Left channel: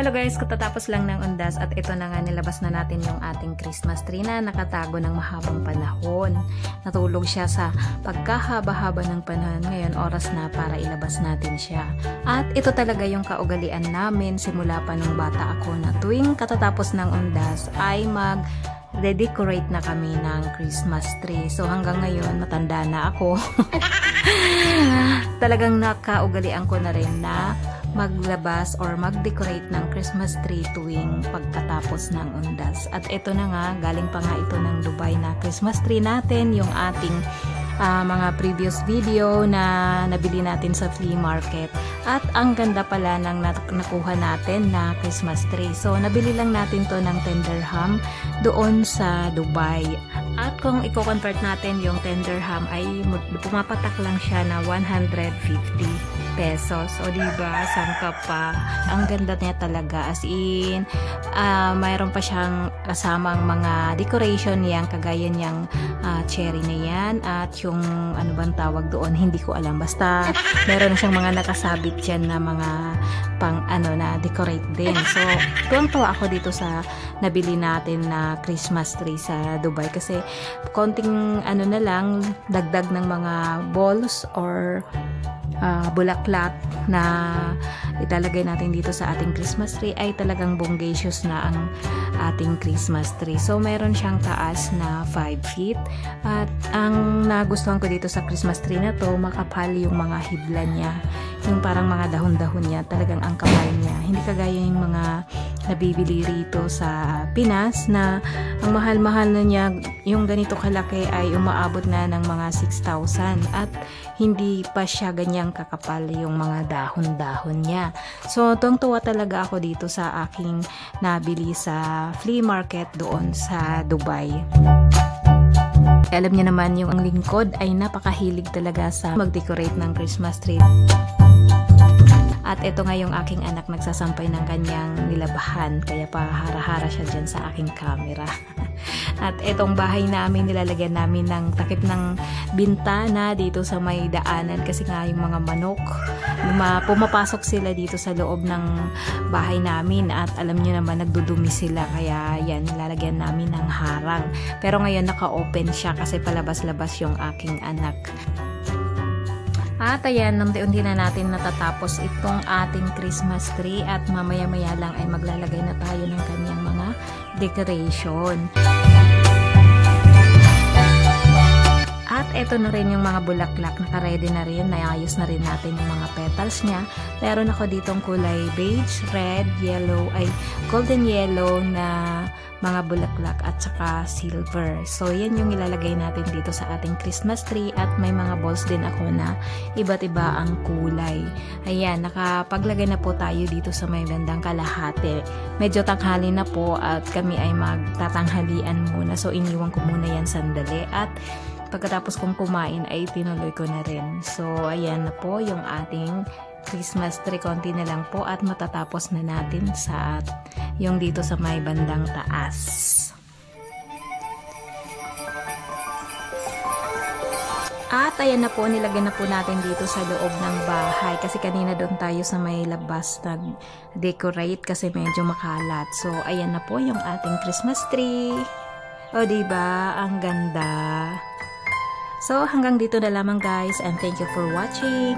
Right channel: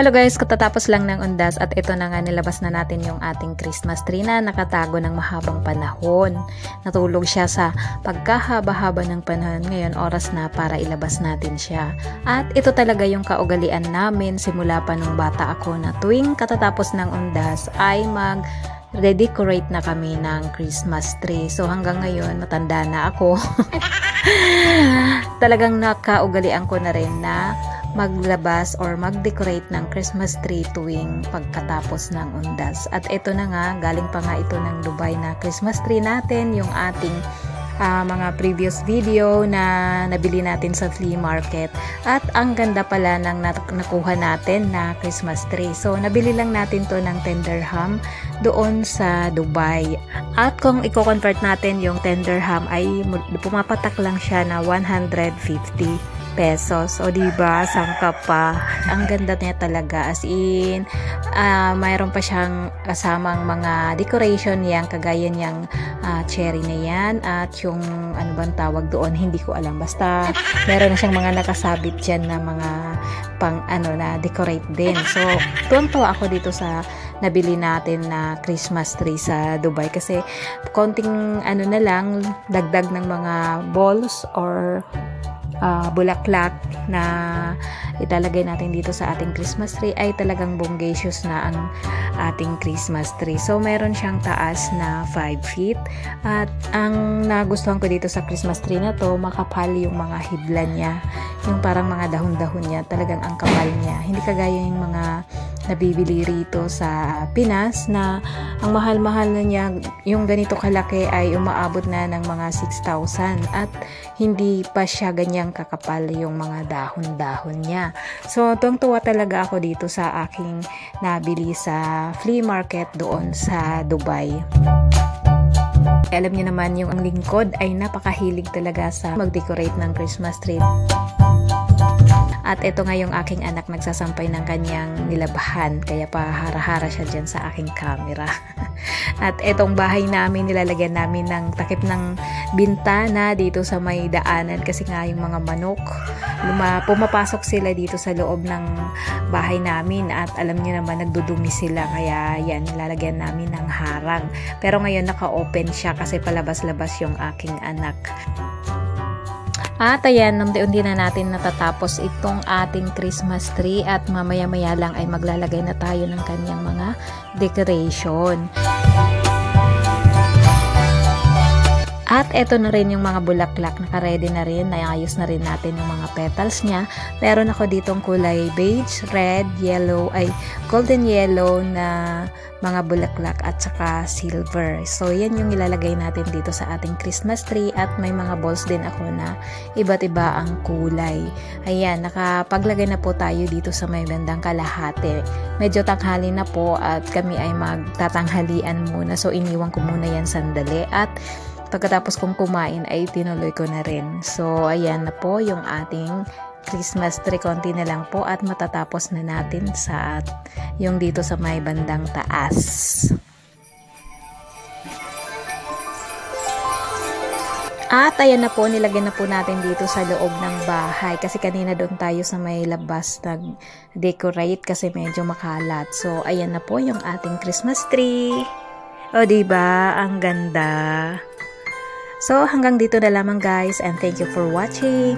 Hello guys, katatapos lang ng undas at ito na nga nilabas na natin yung ating Christmas tree na nakatago ng mahabang panahon. Natulog siya sa pagkahaba-haba ng panahon, ngayon oras na para ilabas natin siya. At ito talaga yung kaugalian namin simula pa nung bata ako na tuwing katatapos ng undas ay mag-decorate na kami ng Christmas tree. So hanggang ngayon matanda na ako. Talagang nakaugalian ko na rin na maglabas or mag-decorate ng Christmas tree tuwing pagkatapos ng undas. At ito na nga, galing pa nga ito ng Dubai na Christmas tree natin, yung ating mga previous video na nabili natin sa flea market. At ang ganda pala ng nakuha natin na Christmas tree. So nabili lang natin to ng 10 dirham doon sa Dubai. At kung i-convert natin yung 10 dirham ay pumapatak lang siya na 150 pesos. O diba, sangka pa. Ang ganda niya talaga. As in, mayroon pa siyang kasamang mga decoration yan, kagaya niyang cherry na yan. At yung, ano bang tawag doon, hindi ko alam. Basta, meron na siyang mga nakasabit dyan na mga na decorate din. So, tuwang-tuwa ako dito sa nabili natin na Christmas tree sa Dubai. Kasi, konting, na lang, dagdag ng mga balls or bulaklak na italagay natin dito sa ating Christmas tree ay talagang bonggacious na ang ating Christmas tree. So meron siyang taas na 5 feet at ang nagustuhan ko dito sa Christmas tree na to, makapal yung mga hibla niya, yung parang mga dahon-dahon niya, talagang ang kapal niya, hindi kagaya yung mga nabibili rito sa Pinas na ang mahal-mahal na niya, yung ganito kalaki ay umaabot na ng mga 6,000 at hindi pa siya ganyang kakapal yung mga dahon-dahon niya. So, tuwang-tuwa talaga ako dito sa aking nabili sa flea market doon sa Dubai. Alam niyo naman yung ang lingkod ay napakahilig talaga sa mag-decorate ng Christmas tree. At ito nga yung aking anak nagsasampay ng kanyang nilabahan. Kaya pa hara-hara siya dyan sa aking camera. At itong bahay namin, nilalagyan namin ng takip ng bintana dito sa may daanan. Kasi nga yung mga manok, pumapasok sila dito sa loob ng bahay namin. At alam niyo naman, nagdudumi sila. Kaya yan, nilalagyan namin ng harang. Pero ngayon naka-open siya kasi palabas-labas yung aking anak. At ayan, unti-unti na natin natatapos itong ating Christmas tree at mamaya-maya lang ay maglalagay na tayo ng kanyang mga decoration. At eto na rin yung mga bulaklak, naka-ready na rin, naayos na rin natin yung mga petals niya. Meron ako ditong kulay beige, red, yellow, golden yellow na mga bulaklak at saka silver. So yan yung ilalagay natin dito sa ating Christmas tree at may mga balls din ako na iba't iba ang kulay. Ayan, nakapaglagay na po tayo dito sa may bandang kalahati. Medyo tanghali na po at kami ay magtatanghalian muna. So iniwan ko muna yan sandali at pagkatapos kong kumain ay tinuloy ko na rin. So ayan na po yung ating Christmas tree, konti na lang po at matatapos na natin sa yung dito sa may bandang taas. At ayan na po, nilagyan na po natin dito sa loob ng bahay kasi kanina doon tayo sa may labas nag-decorate kasi medyo makalat. So ayan na po yung ating Christmas tree. O diba, ang ganda. So hanggang dito na lamang guys and thank you for watching.